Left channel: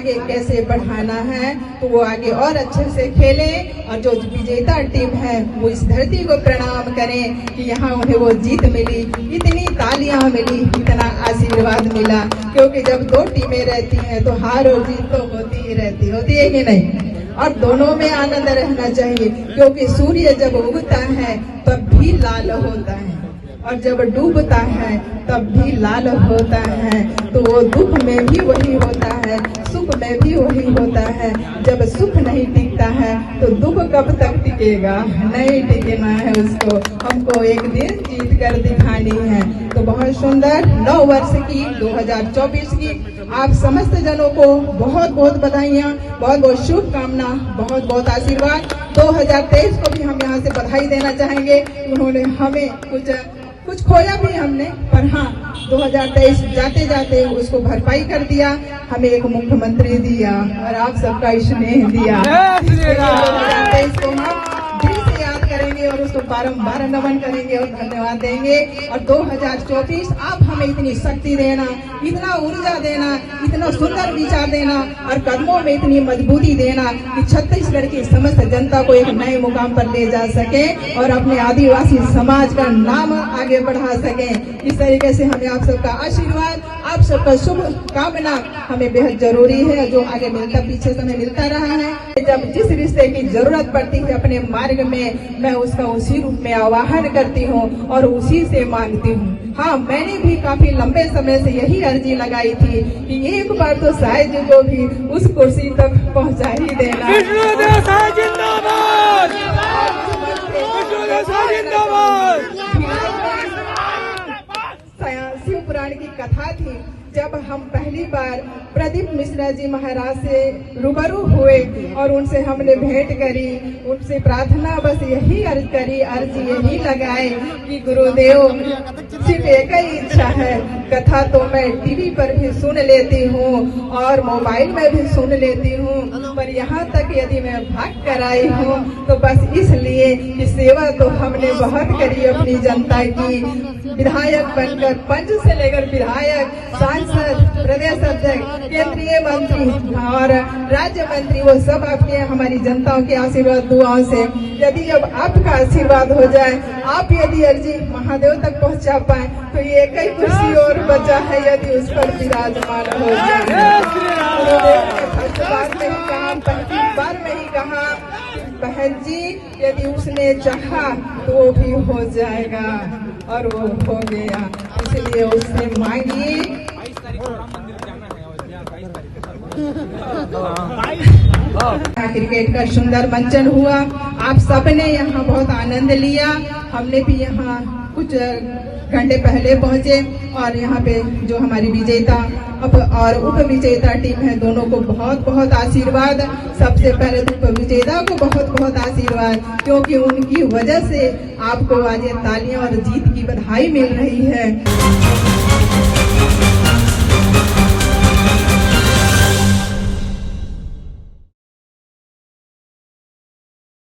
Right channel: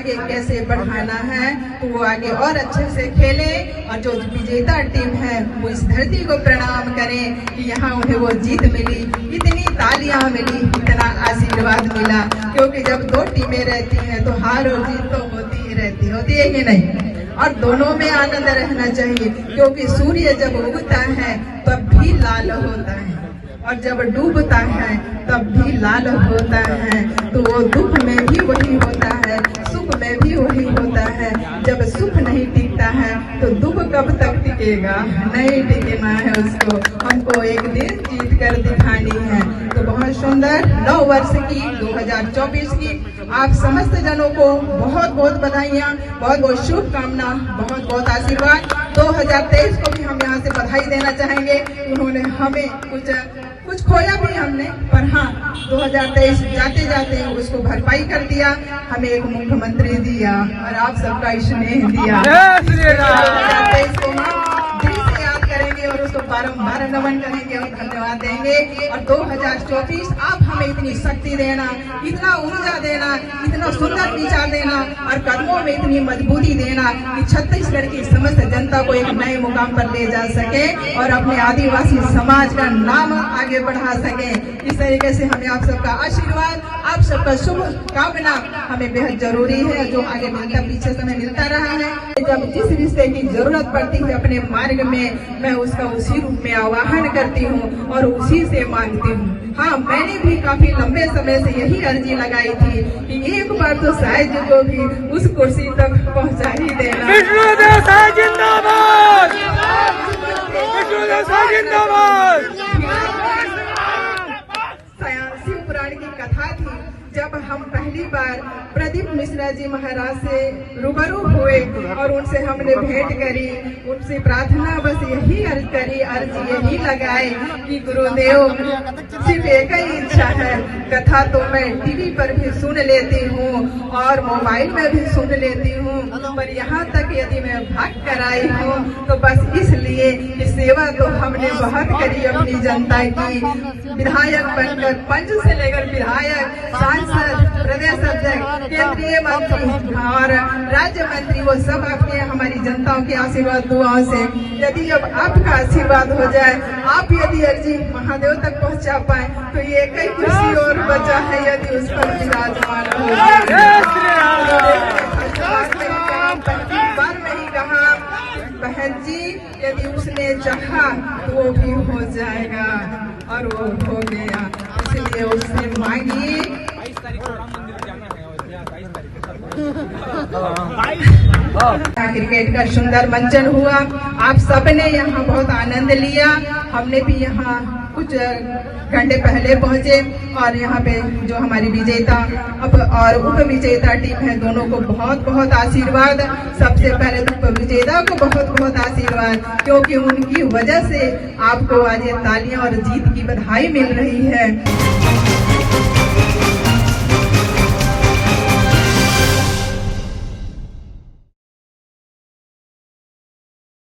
आगे कैसे बढ़ाना है, तो वो आगे और अच्छे से खेले और जो विजेता टीम है वो इस धरती को प्रणाम करें कि यहाँ उन्हें वो जीत मिली, इतनी तालियां मिली, इतना आशीर्वाद मिला। क्योंकि जब दो टीमें रहती हैं तो हार और जीत तो होती है कि नहीं, और दोनों में आनंद रहना चाहिए। क्योंकि सूर्य जब उगता है तब भी लाल होता है और जब डूबता है तब भी लाल होता है। तो वो दुख में भी वही होता है, सुख में भी वही होता है। जब सुख नहीं टिकता है तो दुख कब तक टिकेगा, नहीं टिकना है उसको, हमको एक दिन जीत कर दिखानी है। तो बहुत सुंदर 9 वर्ष की 2024 की आप समस्त जनों को बहुत बहुत बधाइयाँ, बहुत बहुत शुभकामना, बहुत बहुत आशीर्वाद। 2023 को भी हम यहाँ से बधाई देना चाहेंगे। उन्होंने हमें कुछ खोया भी हमने, पर हाँ 2023 जाते जाते उसको भरपाई कर दिया, हमें एक मुख्यमंत्री दिया और आप सबका स्नेह दिया। और उसको बारंबार नमन करेंगे और धन्यवाद देंगे। और 2024 आप हमें इतनी शक्ति देना, इतना ऊर्जा देना, इतना सुंदर विचार देना और कदमों में इतनी मजबूती देना कि छत्तीसगढ़ की समस्त जनता को एक नए मुकाम पर ले जा सके और अपने आदिवासी समाज का नाम आगे बढ़ा सके। इस तरीके से हमें आप सबका आशीर्वाद, आप सबका शुभ कामना हमें बेहद जरूरी है, जो आगे मिलता पीछे समय मिलता रहा है। जब जिस रिश्ते की जरूरत पड़ती है अपने मार्ग में, मैं उसका उसी रूप में आवाहन करती हूँ और उसी से मांगती हूँ। हाँ, मैंने भी काफी लंबे समय से यही अर्जी लगाई थी कि एक बार तो शायद को भी उस कुर्सी तक पहुँचा ही देना। शिव पुराण की कथा थी, जब हम पहली बार प्रदीप मिश्रा जी महाराज से रूबरू हुए और उनसे हमने भेंट करी, उनसे प्रार्थना बस यही अर्जी यही लगाए कि गुरुदेव सिर्फ एक ही इच्छा है, कथा तो मैं टीवी पर भी सुन लेती हूँ और मोबाइल में भी सुन लेती हूँ, पर यहाँ तक यदि मैं भाग कर आई हूँ तो बस इसलिए कि सेवा तो हमने बहुत करी अपनी जनता की। विधायक बनकर, पंच से लेकर विधायक, सांसद, प्रदेश अध्यक्ष, केंद्रीय मंत्री और राज्य मंत्री, वो सब आपके हमारी जनताओं के आशीर्वाद दुआओं से। यदि अब आपका आशीर्वाद हो जाए, आप यदि अर्जी महादेव तक पहुंचा पाए तो ये कई कुर्सी और बचा है, यदि उस पर विराजमान हो बहन जी, यदि उसने चाहा तो वो भी हो जाएगा और वो हो गया। इसलिए उससे मांगिए। 22 तारीख को राम मंदिर जाना है और 22 तारीख क्रिकेट का सुंदर मंचन हुआ, आप सबने यहाँ बहुत आनंद लिया। हमने भी यहाँ कुछ घंटे पहले पहुंचे और यहाँ पे जो हमारी विजेता अब और उप विजेता टीम है, दोनों को बहुत बहुत आशीर्वाद। सबसे पहले तो विजेता को बहुत बहुत आशीर्वाद, क्योंकि उनकी वजह से आपको आज ये तालियां और जीत की बधाई मिल रही है।